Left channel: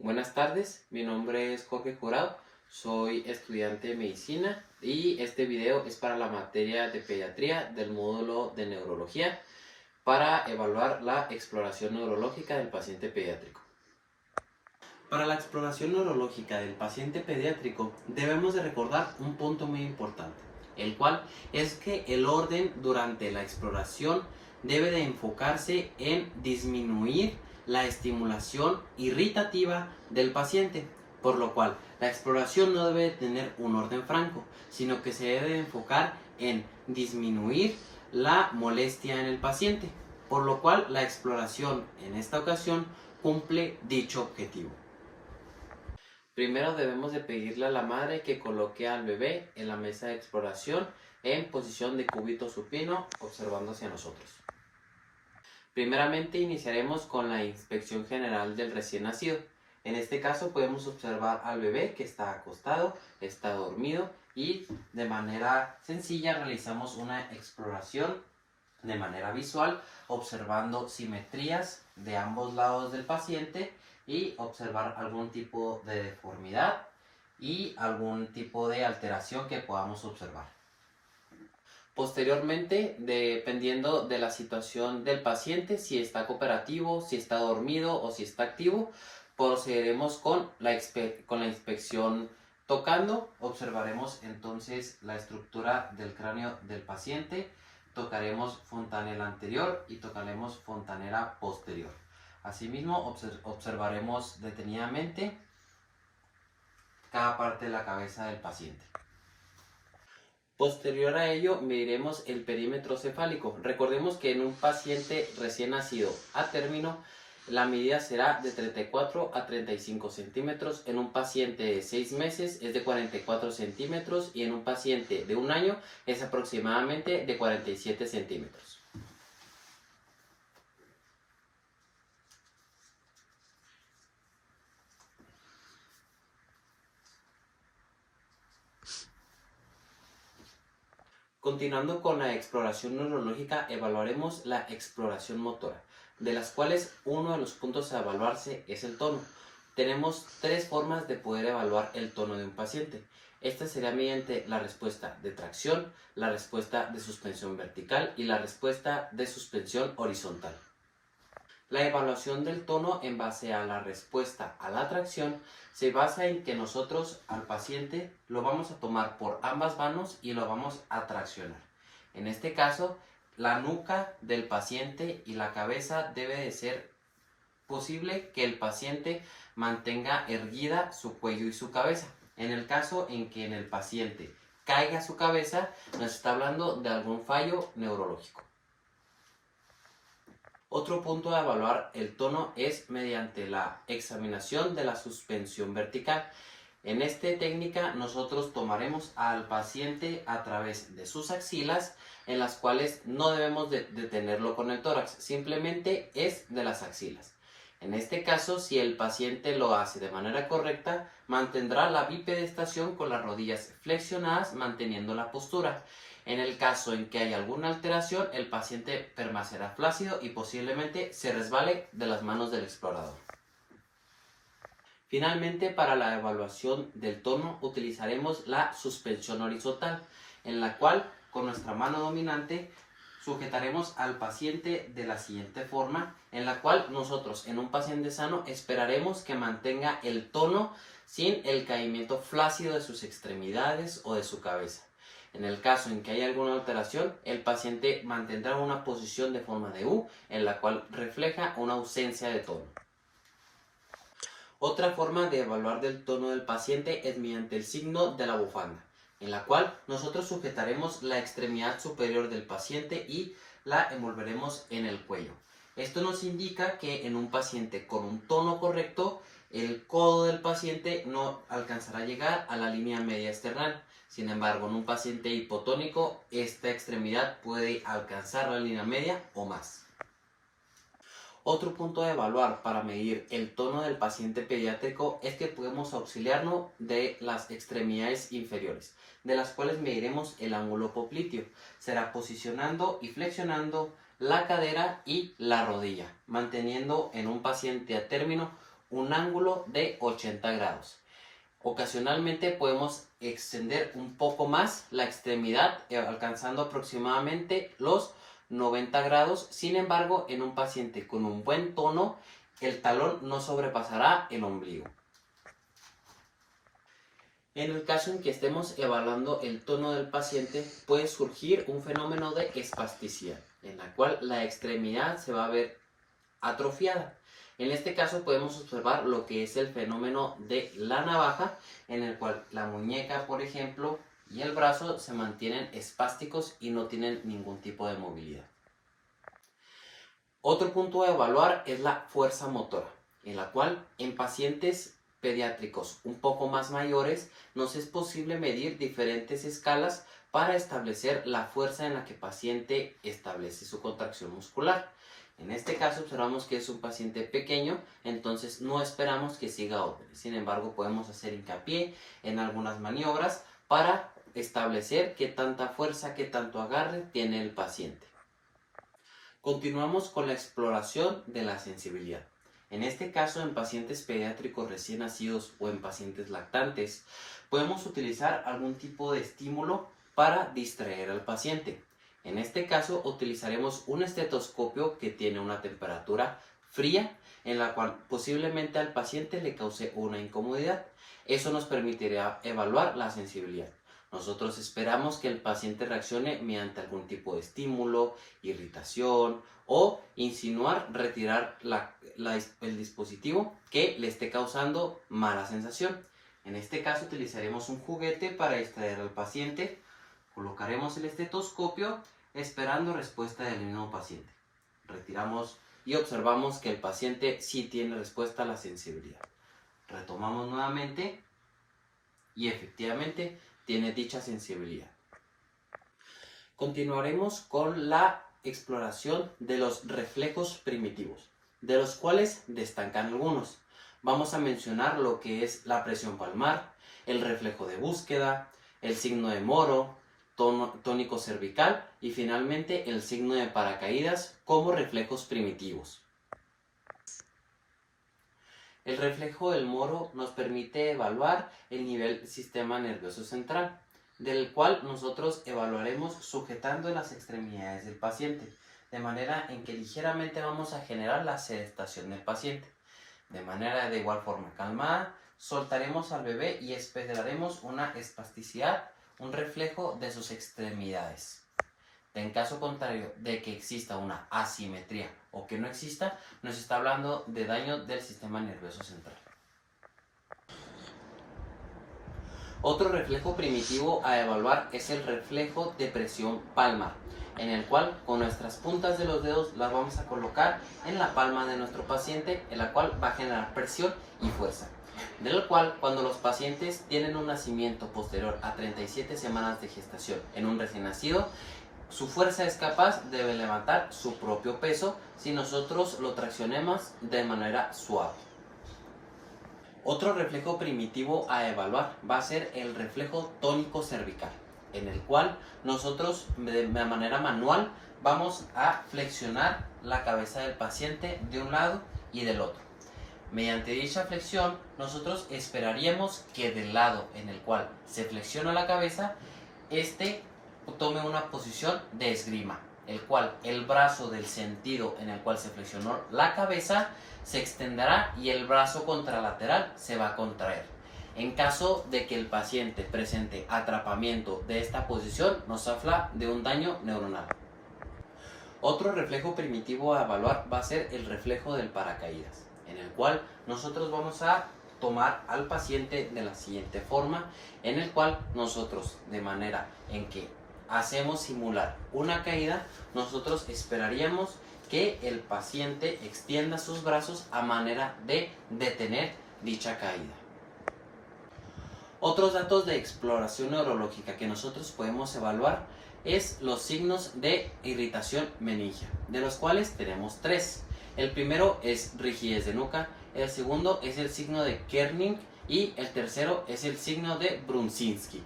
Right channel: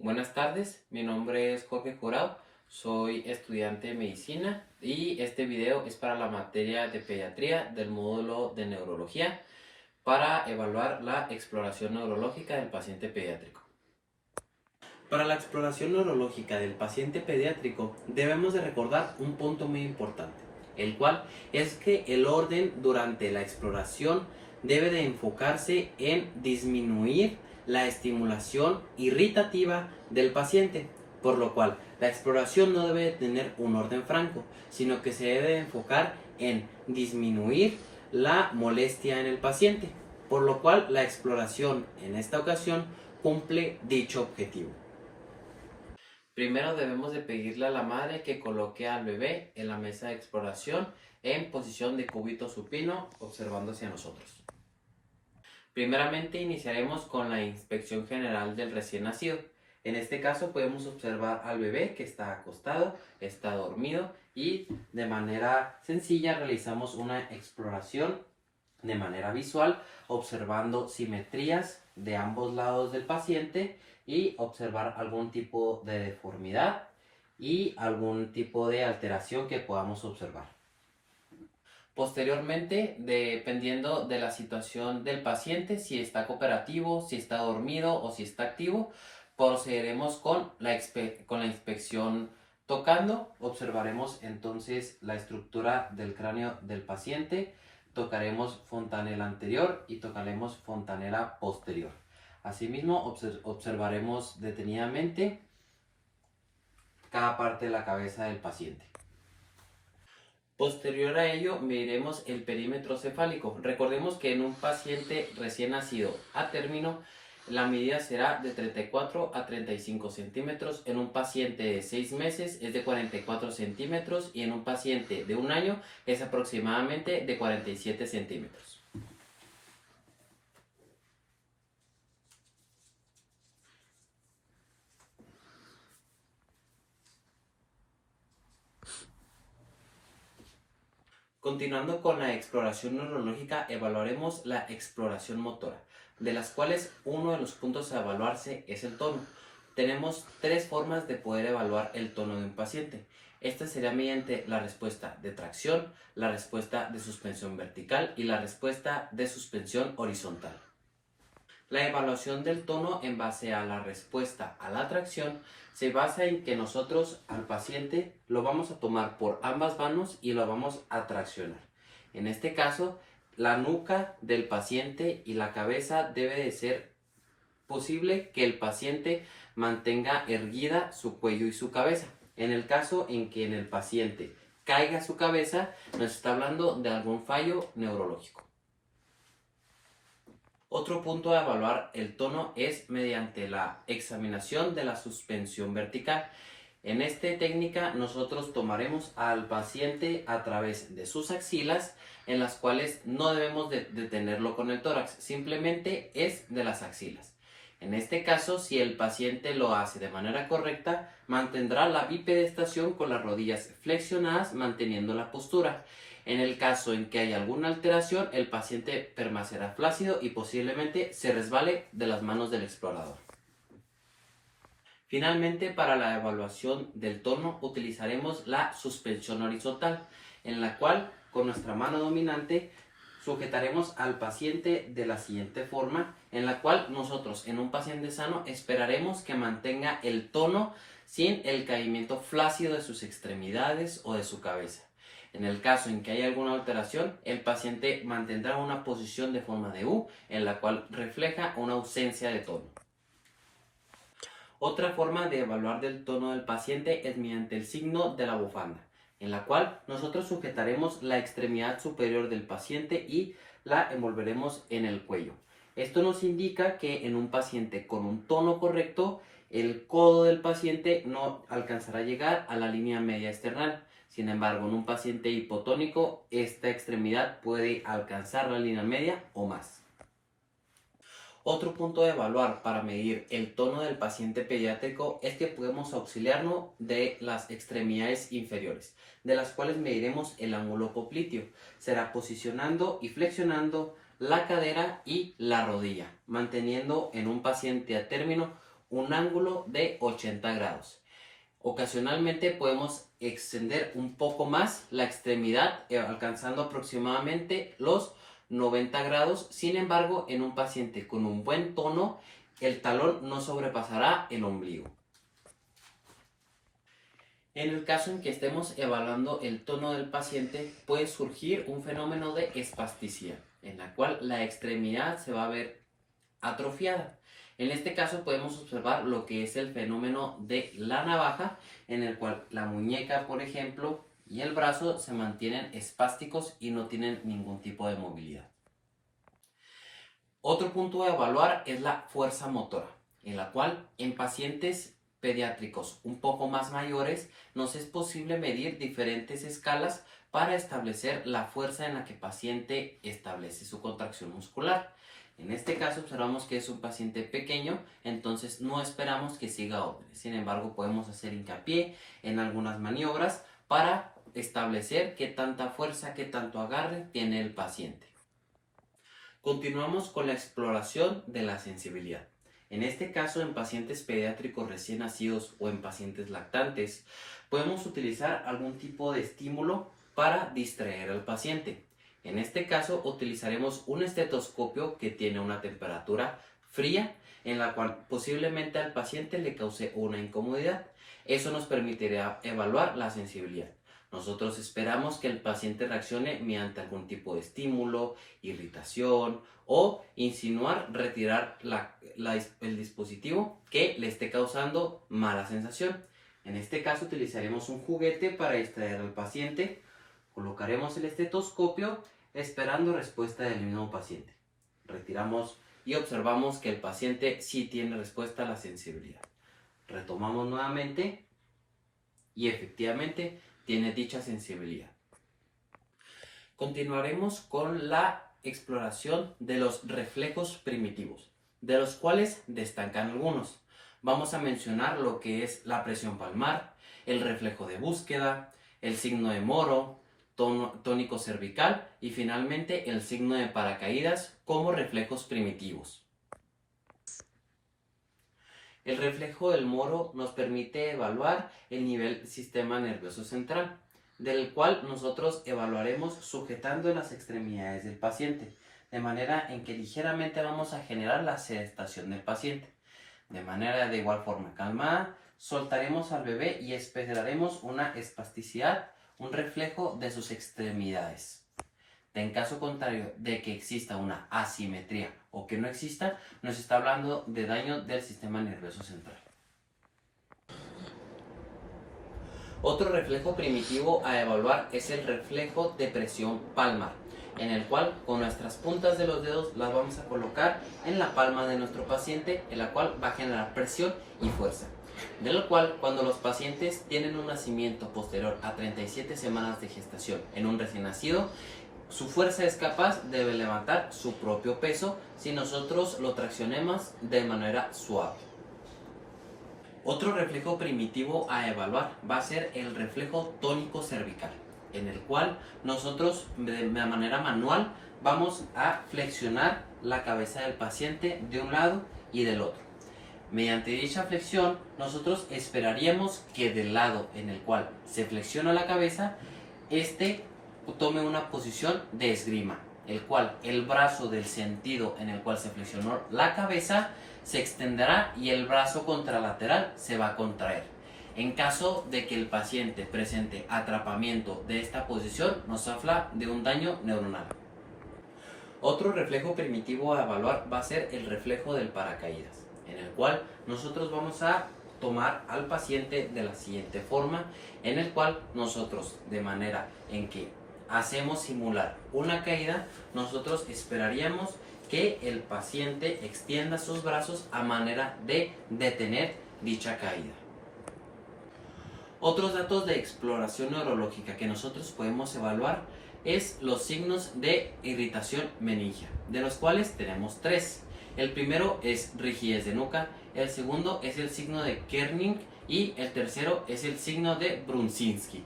Buenas tardes, mi nombre es Jorge Jurado, soy estudiante de medicina y este video es para la materia de pediatría del módulo de neurología para evaluar la exploración neurológica del paciente pediátrico. Para la exploración neurológica del paciente pediátrico debemos de recordar un punto muy importante, el cual es que el orden durante la exploración debe de enfocarse en disminuir la estimulación irritativa del paciente, por lo cual la exploración no debe tener un orden franco, sino que se debe de enfocar en disminuir la molestia en el paciente, por lo cual la exploración en esta ocasión cumple dicho objetivo. Primero debemos de pedirle a la madre que coloque al bebé en la mesa de exploración en posición de cúbito supino, observando hacia nosotros. Primeramente iniciaremos con la inspección general del recién nacido. En este caso podemos observar al bebé que está acostado, está dormido y de manera sencilla realizamos una exploración de manera visual, observando simetrías de ambos lados del paciente y observar algún tipo de deformidad y algún tipo de alteración que podamos observar. Posteriormente, dependiendo de la situación del paciente, si está cooperativo, si está dormido o si está activo, procederemos con la inspección tocando. Observaremos entonces la estructura del cráneo del paciente, tocaremos fontanela anterior y tocaremos fontanela posterior. Asimismo, observaremos detenidamente cada parte de la cabeza del paciente. Posterior a ello, mediremos el perímetro cefálico. Recordemos que en un paciente recién nacido a término, la medida será de 34 a 35 centímetros. En un paciente de 6 meses es de 44 centímetros y en un paciente de 1 año es aproximadamente de 47 centímetros. Continuando con la exploración neurológica, evaluaremos la exploración motora, de las cuales uno de los puntos a evaluarse es el tono. Tenemos tres formas de poder evaluar el tono de un paciente. Esta será mediante la respuesta de tracción, la respuesta de suspensión vertical y la respuesta de suspensión horizontal. La evaluación del tono en base a la respuesta a la tracción se basa en que nosotros al paciente lo vamos a tomar por ambas manos y lo vamos a traccionar. En este caso, la nuca del paciente y la cabeza debe de ser posible que el paciente mantenga erguida su cuello y su cabeza. En el caso en que en el paciente caiga su cabeza, nos está hablando de algún fallo neurológico. Otro punto a evaluar el tono es mediante la examinación de la suspensión vertical. En esta técnica nosotros tomaremos al paciente a través de sus axilas, en las cuales no debemos de tenerlo con el tórax, simplemente es de las axilas. En este caso, si el paciente lo hace de manera correcta, mantendrá la bipedestación con las rodillas flexionadas, manteniendo la postura. En el caso en que haya alguna alteración, el paciente permanecerá flácido y posiblemente se resbale de las manos del explorador. Finalmente, para la evaluación del tono utilizaremos la suspensión horizontal, en la cual con nuestra mano dominante sujetaremos al paciente de la siguiente forma, en la cual nosotros en un paciente sano esperaremos que mantenga el tono sin el caimiento flácido de sus extremidades o de su cabeza. En el caso en que haya alguna alteración, el paciente mantendrá una posición de forma de U, en la cual refleja una ausencia de tono. Otra forma de evaluar del tono del paciente es mediante el signo de la bufanda, en la cual nosotros sujetaremos la extremidad superior del paciente y la envolveremos en el cuello. Esto nos indica que en un paciente con un tono correcto, el codo del paciente no alcanzará a llegar a la línea media external. Sin embargo, en un paciente hipotónico, esta extremidad puede alcanzar la línea media o más. Otro punto de evaluar para medir el tono del paciente pediátrico es que podemos auxiliarnos de las extremidades inferiores, de las cuales mediremos el ángulo popliteo. Será posicionando y flexionando la cadera y la rodilla, manteniendo en un paciente a término un ángulo de 80 grados. Ocasionalmente podemos extender un poco más la extremidad, alcanzando aproximadamente los 90 grados. Sin embargo, en un paciente con un buen tono, el talón no sobrepasará el ombligo. En el caso en que estemos evaluando el tono del paciente, puede surgir un fenómeno de espasticidad, en la cual la extremidad se va a ver atrofiada. En este caso podemos observar lo que es el fenómeno de la navaja, en el cual la muñeca, por ejemplo, y el brazo se mantienen espásticos y no tienen ningún tipo de movilidad. Otro punto a evaluar es la fuerza motora, en la cual en pacientes pediátricos un poco más mayores nos es posible medir diferentes escalas para establecer la fuerza en la que el paciente establece su contracción muscular. En este caso observamos que es un paciente pequeño, entonces no esperamos que siga órdenes. Sin embargo, podemos hacer hincapié en algunas maniobras para establecer qué tanta fuerza, qué tanto agarre tiene el paciente. Continuamos con la exploración de la sensibilidad. En este caso, en pacientes pediátricos recién nacidos o en pacientes lactantes, podemos utilizar algún tipo de estímulo para distraer al paciente. En este caso, utilizaremos un estetoscopio que tiene una temperatura fría, en la cual posiblemente al paciente le cause una incomodidad. Eso nos permitirá evaluar la sensibilidad. Nosotros esperamos que el paciente reaccione mediante algún tipo de estímulo, irritación o insinuar retirar el dispositivo que le esté causando mala sensación. En este caso utilizaremos un juguete para distraer al paciente. Colocaremos el estetoscopio esperando respuesta del mismo paciente. Retiramos y observamos que el paciente sí tiene respuesta a la sensibilidad. Retomamos nuevamente y efectivamente tiene dicha sensibilidad. Continuaremos con la exploración de los reflejos primitivos, de los cuales destacan algunos. Vamos a mencionar lo que es la presión palmar, el reflejo de búsqueda, el signo de Moro, tónico cervical y finalmente el signo de paracaídas como reflejos primitivos. El reflejo del Moro nos permite evaluar el nivel del sistema nervioso central, del cual nosotros evaluaremos sujetando las extremidades del paciente, de manera en que ligeramente vamos a generar la sedestación del paciente. De manera de igual forma calmada, soltaremos al bebé y esperaremos una espasticidad, un reflejo de sus extremidades. En caso contrario de que exista una asimetría o que no exista, nos está hablando de daño del sistema nervioso central. Otro reflejo primitivo a evaluar es el reflejo de presión palmar, en el cual con nuestras puntas de los dedos las vamos a colocar en la palma de nuestro paciente, en la cual va a generar presión y fuerza. Del cual, cuando los pacientes tienen un nacimiento posterior a 37 semanas de gestación en un recién nacido, su fuerza es capaz de levantar su propio peso si nosotros lo traccionemos de manera suave. Otro reflejo primitivo a evaluar va a ser el reflejo tónico cervical, en el cual nosotros de manera manual vamos a flexionar la cabeza del paciente de un lado y del otro. Mediante dicha flexión, nosotros esperaríamos que del lado en el cual se flexiona la cabeza, tome una posición de esgrima, el cual el brazo del sentido en el cual se flexionó la cabeza se extenderá y el brazo contralateral se va a contraer. En caso de que el paciente presente atrapamiento de esta posición, nos habla de un daño neuronal. Otro reflejo primitivo a evaluar va a ser el reflejo del paracaídas, en el cual nosotros vamos a tomar al paciente de la siguiente forma, en el cual nosotros, de manera en que hacemos simular una caída, nosotros esperaríamos que el paciente extienda sus brazos a manera de detener dicha caída. Otros datos de exploración neurológica que nosotros podemos evaluar es los signos de irritación meningia, de los cuales tenemos tres. El primero es rigidez de nuca, el segundo es el signo de Kerning y el tercero es el signo de Brunzinski.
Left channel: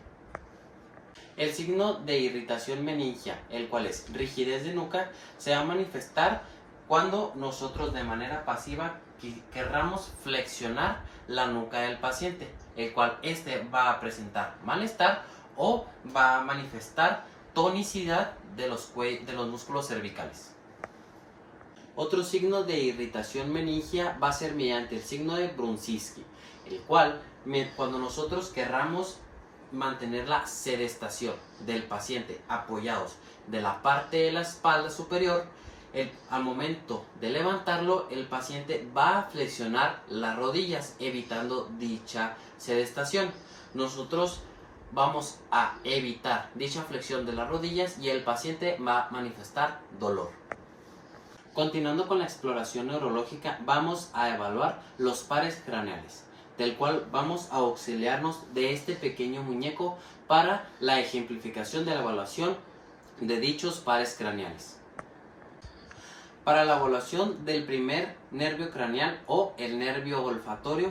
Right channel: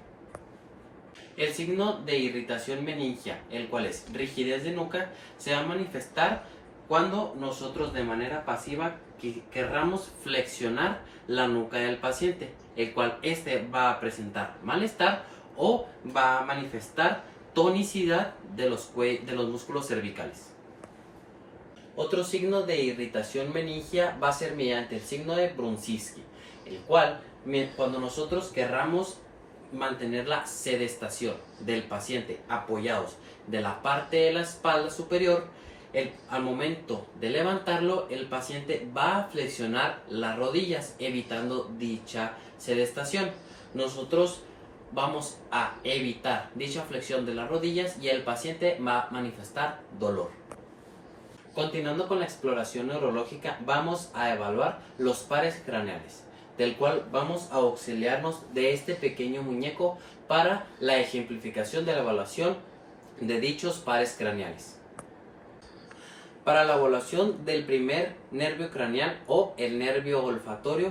El signo de irritación meningia, el cual es rigidez de nuca, se va a manifestar cuando nosotros de manera pasiva querramos flexionar la nuca del paciente, el cual este va a presentar malestar o va a manifestar tonicidad de los músculos cervicales. Otro signo de irritación meningia va a ser mediante el signo de Brunziski, el cual cuando nosotros querramos mantener la sedestación del paciente apoyados de la parte de la espalda superior, al momento de levantarlo el paciente va a flexionar las rodillas evitando dicha sedestación. Nosotros vamos a evitar dicha flexión de las rodillas y el paciente va a manifestar dolor. Continuando con la exploración neurológica, vamos a evaluar los pares craneales, del cual vamos a auxiliarnos de este pequeño muñeco para la ejemplificación de la evaluación de dichos pares craneales. Para la evaluación del primer nervio craneal o el nervio olfatorio,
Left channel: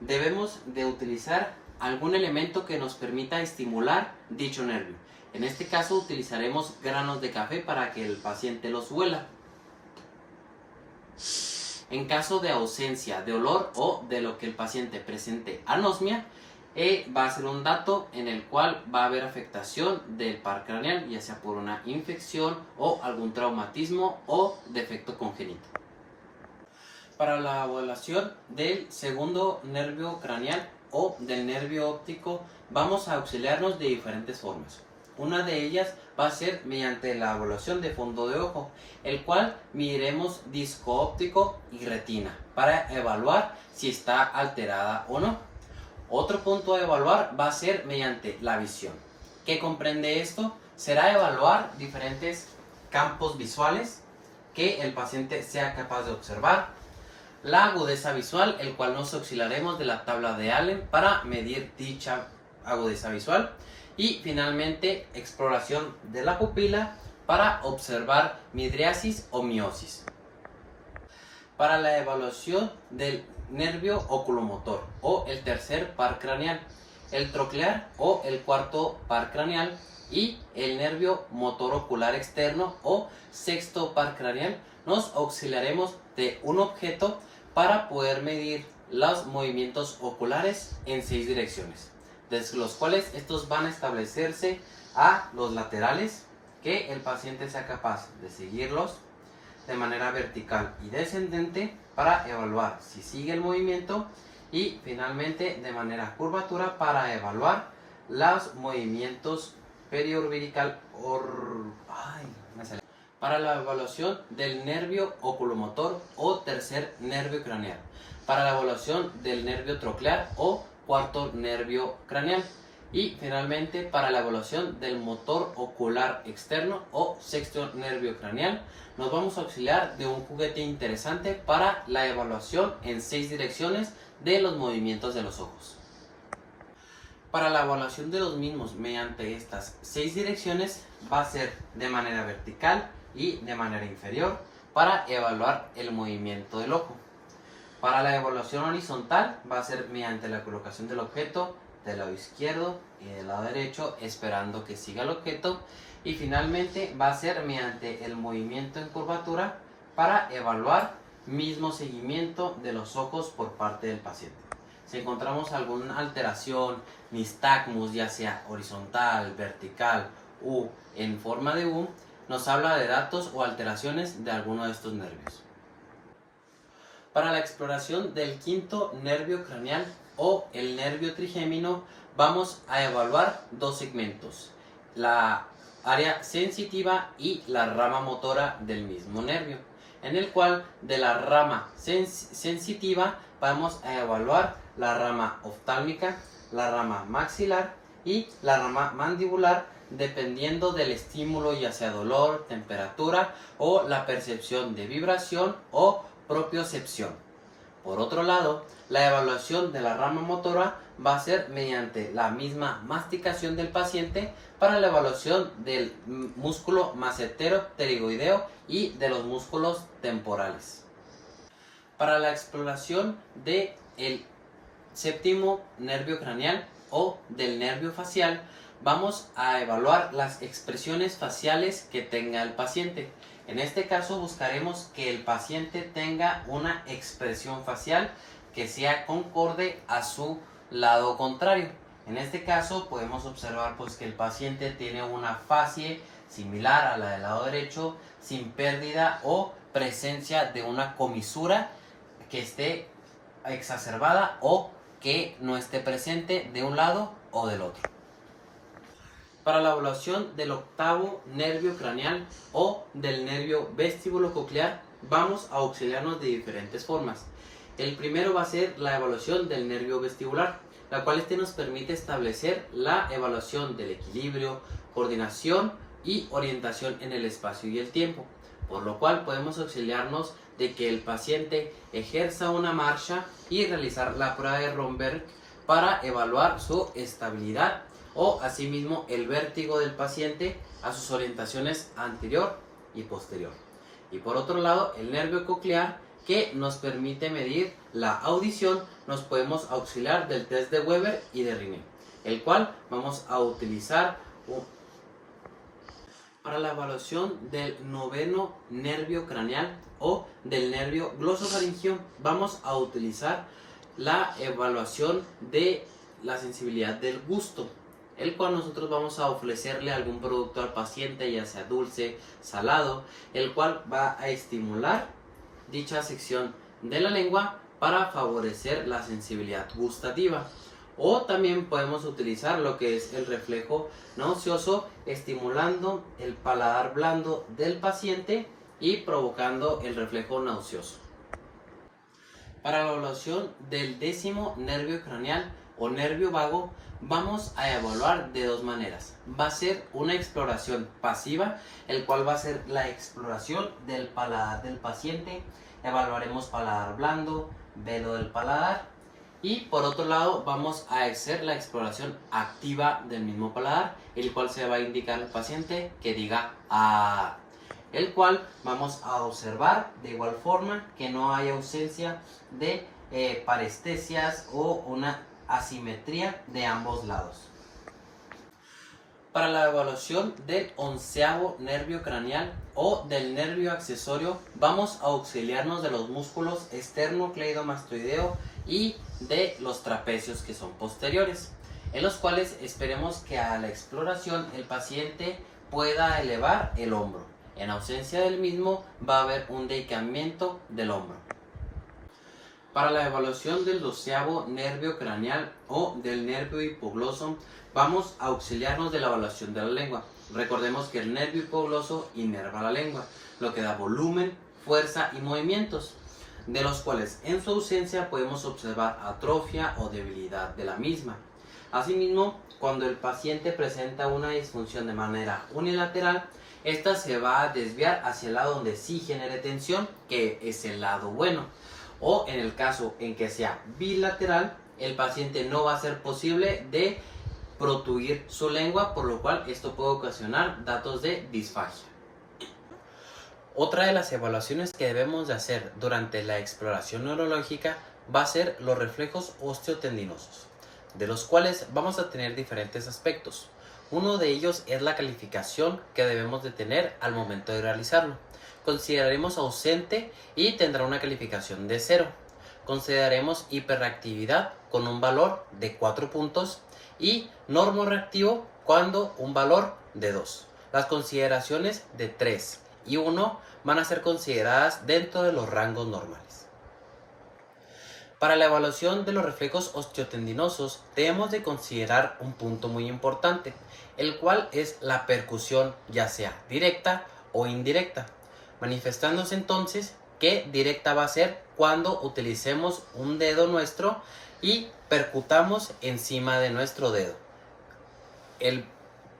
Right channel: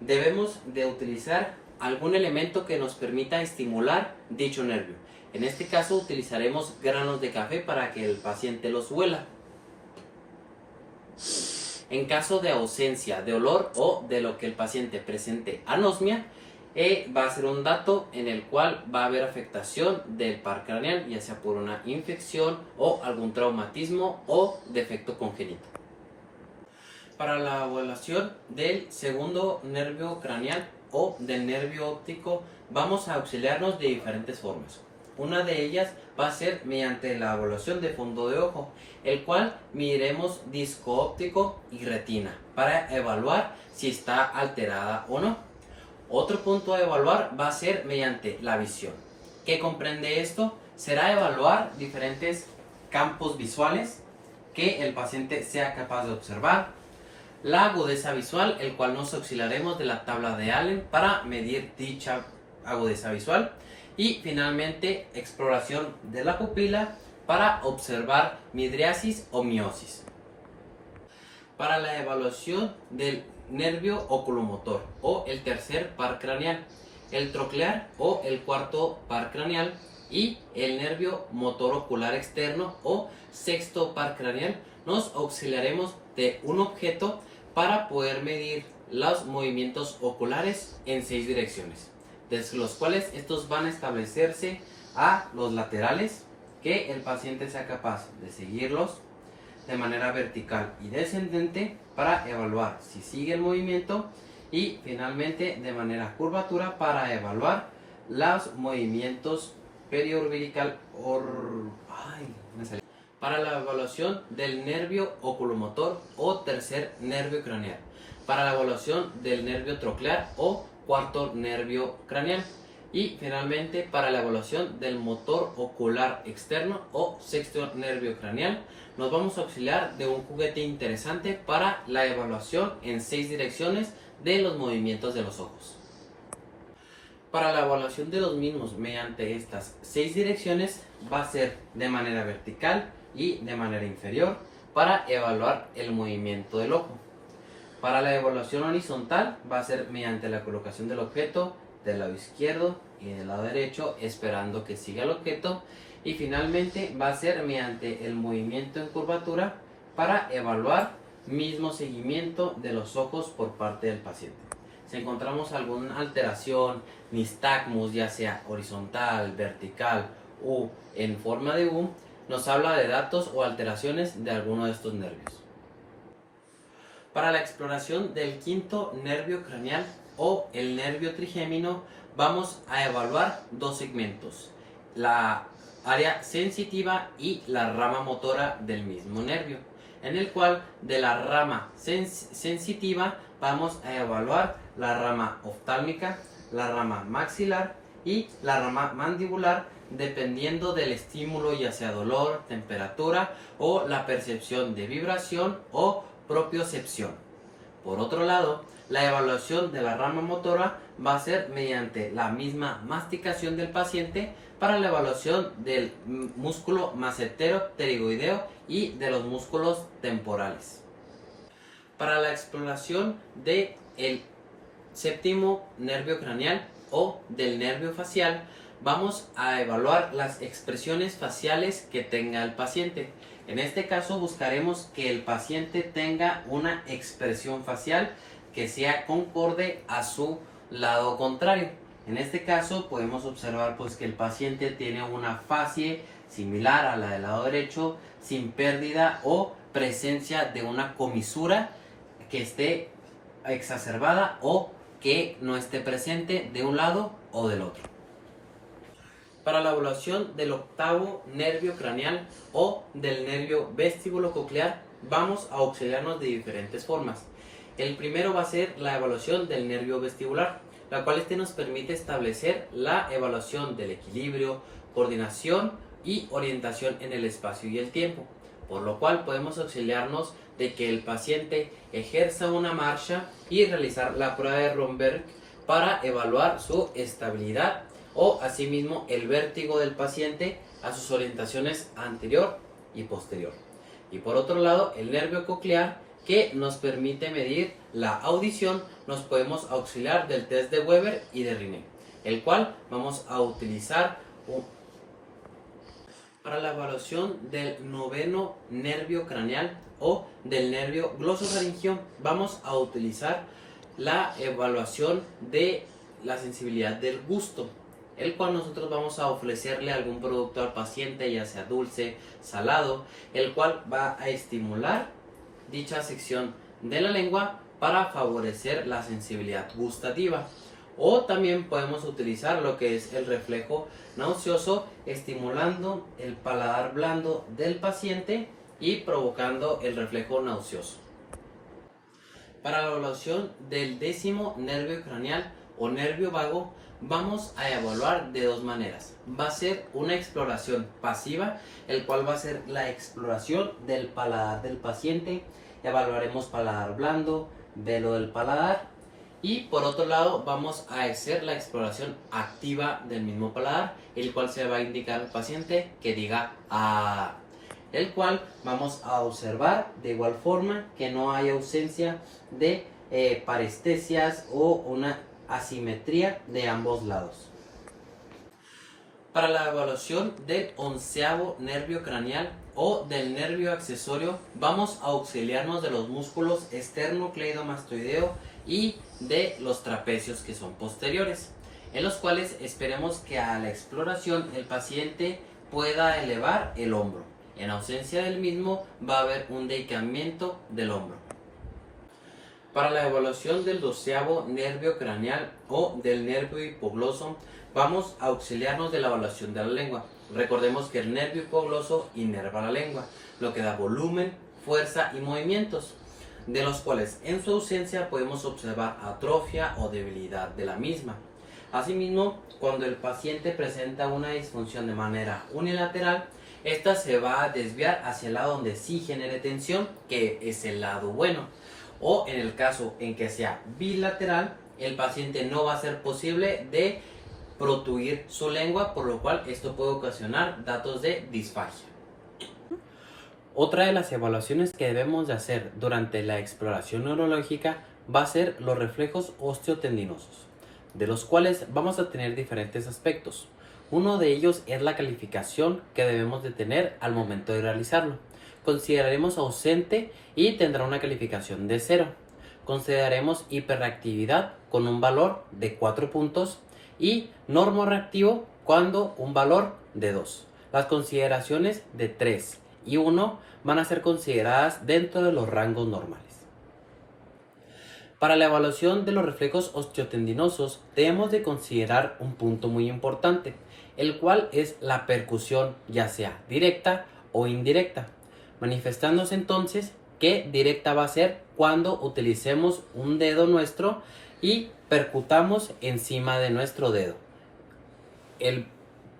debemos de utilizar algún elemento que nos permita estimular dicho nervio. En este caso utilizaremos granos de café para que el paciente los huela. En caso de ausencia de olor o de lo que el paciente presente anosmia, va a ser un dato en el cual va a haber afectación del par craneal, ya sea por una infección o algún traumatismo o defecto congénito. Para la evaluación del segundo nervio craneal o del nervio óptico, vamos a auxiliarnos de diferentes formas. Una de ellas va a ser mediante la evaluación de fondo de ojo, el cual mediremos disco óptico y retina para evaluar si está alterada o no. Otro punto a evaluar va a ser mediante la visión. ¿Qué comprende esto? Será evaluar diferentes campos visuales que el paciente sea capaz de observar. La agudeza visual, el cual nos auxiliaremos de la tabla de Allen para medir dicha agudeza visual. Y finalmente, exploración de la pupila para observar midriasis o miosis. Para la evaluación del nervio oculomotor o el tercer par craneal, el troclear o el cuarto par craneal y el nervio motor ocular externo o sexto par craneal, nos auxiliaremos de un objeto para poder medir los movimientos oculares en 6 direcciones, desde los cuales estos van a establecerse a los laterales, que el paciente sea capaz de seguirlos de manera vertical y descendente para evaluar si sigue el movimiento, y finalmente de manera curvatura para evaluar los movimientos periorbital para la evaluación del nervio oculomotor o tercer nervio craneal, para la evaluación del nervio troclear o cuarto nervio craneal, y finalmente para la evaluación del motor ocular externo o sexto nervio craneal. Nos vamos a auxiliar de un juguete interesante para la evaluación en 6 direcciones de los movimientos de los ojos. Para la evaluación de los mismos mediante estas 6 direcciones va a ser de manera vertical y de manera inferior para evaluar el movimiento del ojo. Para la evaluación horizontal va a ser mediante la colocación del objeto del lado izquierdo y del lado derecho esperando que siga el objeto, y finalmente va a ser mediante el movimiento en curvatura para evaluar mismo seguimiento de los ojos por parte del paciente. Si encontramos alguna alteración, nistagmus, ya sea horizontal, vertical u en forma de U, nos habla de datos o alteraciones de alguno de estos nervios. Para la exploración del quinto nervio craneal o el nervio trigémino, vamos a evaluar 2 segmentos: la área sensitiva y la rama motora del mismo nervio, en el cual de la rama sensitiva vamos a evaluar la rama oftálmica, la rama maxilar y la rama mandibular, dependiendo del estímulo, ya sea dolor, temperatura o la percepción de vibración o propiocepción. Por otro lado, la evaluación de la rama motora va a ser mediante la misma masticación del paciente para la evaluación del músculo macetero pterigoideo y de los músculos temporales. Para la exploración del séptimo nervio craneal o del nervio facial, vamos a evaluar las expresiones faciales que tenga el paciente. En este caso buscaremos que el paciente tenga una expresión facial que sea concorde a su lado contrario. En este caso podemos observar pues que el paciente tiene una facie similar a la del lado derecho, sin pérdida o presencia de una comisura que esté exacerbada o que no esté presente de un lado o del otro. Para la evaluación del octavo nervio craneal o del nervio vestibulo-coclear vamos a auxiliarnos de diferentes formas. El primero va a ser la evaluación del nervio vestibular, la cual nos permite establecer la evaluación del equilibrio, coordinación y orientación en el espacio y el tiempo, por lo cual podemos auxiliarnos de que el paciente ejerza una marcha y realizar la prueba de Romberg para evaluar su estabilidad o asimismo el vértigo del paciente a sus orientaciones anterior y posterior. Y por otro lado, el nervio coclear, que nos permite medir la audición, nos podemos auxiliar del test de Weber y de Riney, el cual vamos a utilizar para la evaluación del noveno nervio craneal o del nervio glosofaringeo. Vamos a utilizar la evaluación de la sensibilidad del gusto, el cual nosotros vamos a ofrecerle algún producto al paciente, ya sea dulce, salado, el cual va a estimular dicha sección de la lengua para favorecer la sensibilidad gustativa. O también podemos utilizar lo que es el reflejo nauseoso, estimulando el paladar blando del paciente y provocando el reflejo nauseoso. Para la evaluación del décimo nervio craneal o nervio vago, vamos a evaluar de dos maneras. Va a ser una exploración pasiva, el cual va a ser la exploración del paladar del paciente. Evaluaremos paladar blando, velo del paladar, y por otro lado vamos a hacer la exploración activa del mismo paladar, el cual se va a indicar al paciente que diga "ah", el cual vamos a observar de igual forma que no haya ausencia de parestesias o una asimetría de ambos lados. Para la evaluación del onceavo nervio craneal o del nervio accesorio, vamos a auxiliarnos de los músculos esternocleidomastoideo y de los trapecios, que son posteriores, en los cuales esperemos que a la exploración el paciente pueda elevar el hombro. En ausencia del mismo va a haber un decaimiento del hombro. Para la evaluación del doceavo nervio craneal o del nervio hipogloso, vamos a auxiliarnos de la evaluación de la lengua. Recordemos que el nervio hipogloso inerva la lengua, lo que da volumen, fuerza y movimientos, de los cuales en su ausencia podemos observar atrofia o debilidad de la misma. Asimismo, cuando el paciente presenta una disfunción de manera unilateral, esta se va a desviar hacia el lado donde sí genere tensión, que es el lado bueno. O en el caso en que sea bilateral, el paciente no va a ser posible de protuir su lengua, por lo cual esto puede ocasionar datos de disfagia. Otra de las evaluaciones que debemos de hacer durante la exploración neurológica va a ser los reflejos osteotendinosos, de los cuales vamos a tener diferentes aspectos. Uno de ellos es la calificación que debemos de tener al momento de realizarlo. Consideraremos ausente y tendrá una calificación de 0. Consideraremos hiperreactividad con un valor de 4 puntos y normorreactivo cuando un valor de 2. Las consideraciones de 3 y 1 van a ser consideradas dentro de los rangos normales. Para la evaluación de los reflejos osteotendinosos debemos de considerar un punto muy importante, el cual es la percusión, ya sea directa o indirecta, manifestándose entonces que directa va a ser cuando utilicemos un dedo nuestro y percutamos encima de nuestro dedo.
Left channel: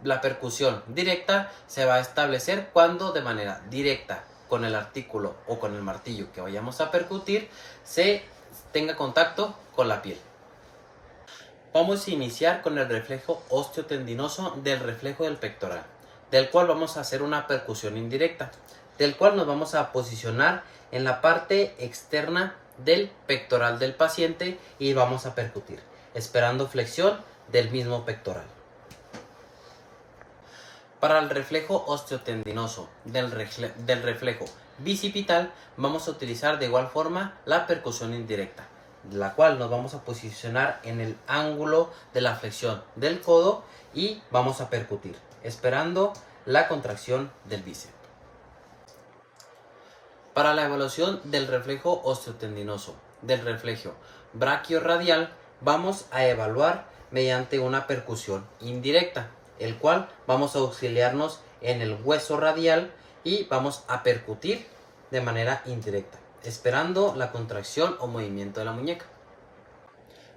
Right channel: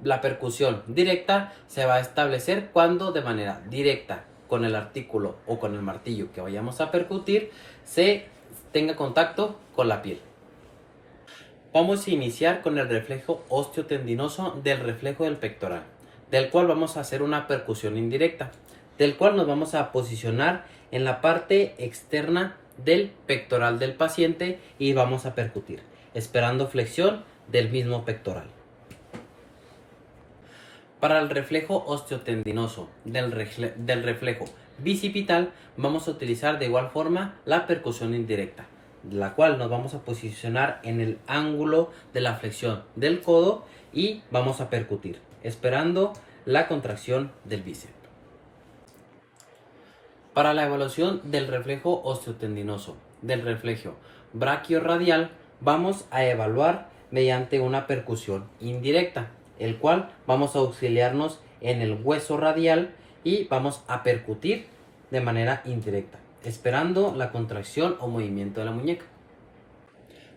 La percusión directa se va a establecer cuando de manera directa con el artículo o con el martillo que vayamos a percutir se tenga contacto con la piel. Vamos a iniciar con el reflejo osteotendinoso del reflejo del pectoral, del cual vamos a hacer una percusión indirecta, del cual nos vamos a posicionar en la parte externa del pectoral del paciente y vamos a percutir, esperando flexión del mismo pectoral. Para el reflejo osteotendinoso del reflejo bicipital vamos a utilizar de igual forma la percusión indirecta, la cual nos vamos a posicionar en el ángulo de la flexión del codo y vamos a percutir, esperando la contracción del bíceps. Para la evaluación del reflejo osteotendinoso del reflejo brachiorradial vamos a evaluar mediante una percusión indirecta, el cual vamos a auxiliarnos en el hueso radial y vamos a percutir de manera indirecta, esperando la contracción o movimiento de la muñeca.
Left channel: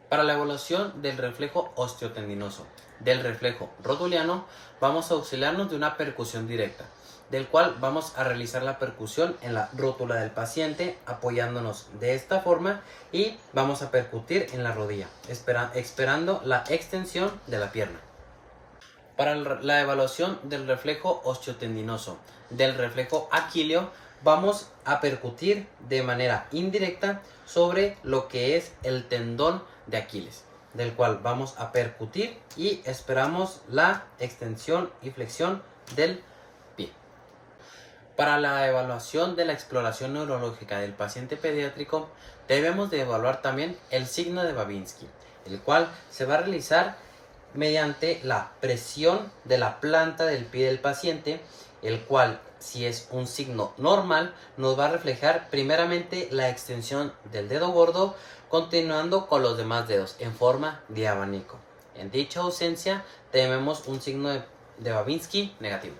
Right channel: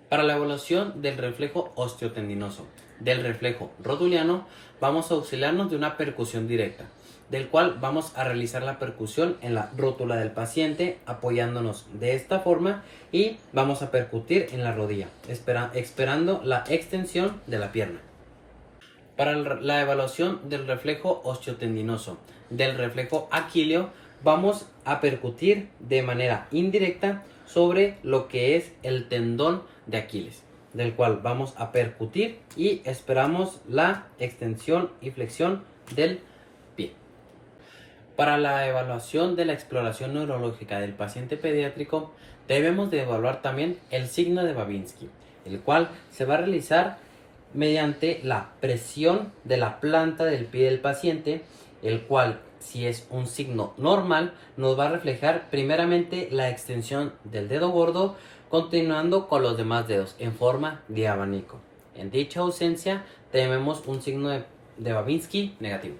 Para la evaluación del reflejo osteotendinoso del reflejo rotuliano vamos a auxiliarnos de una percusión directa, del cual vamos a realizar la percusión en la rótula del paciente apoyándonos de esta forma y vamos a percutir en la rodilla, esperando la extensión de la pierna. Para la evaluación del reflejo osteotendinoso del reflejo aquileo vamos a percutir de manera indirecta sobre lo que es el tendón de Aquiles, del cual vamos a percutir y esperamos la extensión y flexión del pie. Para la evaluación de la exploración neurológica del paciente pediátrico debemos de evaluar también el signo de Babinski, el cual se va a realizar mediante la presión de la planta del pie del paciente, el cual, si es un signo normal, nos va a reflejar primeramente la extensión del dedo gordo, continuando con los demás dedos en forma de abanico. En dicha ausencia tenemos un signo de Babinski negativo.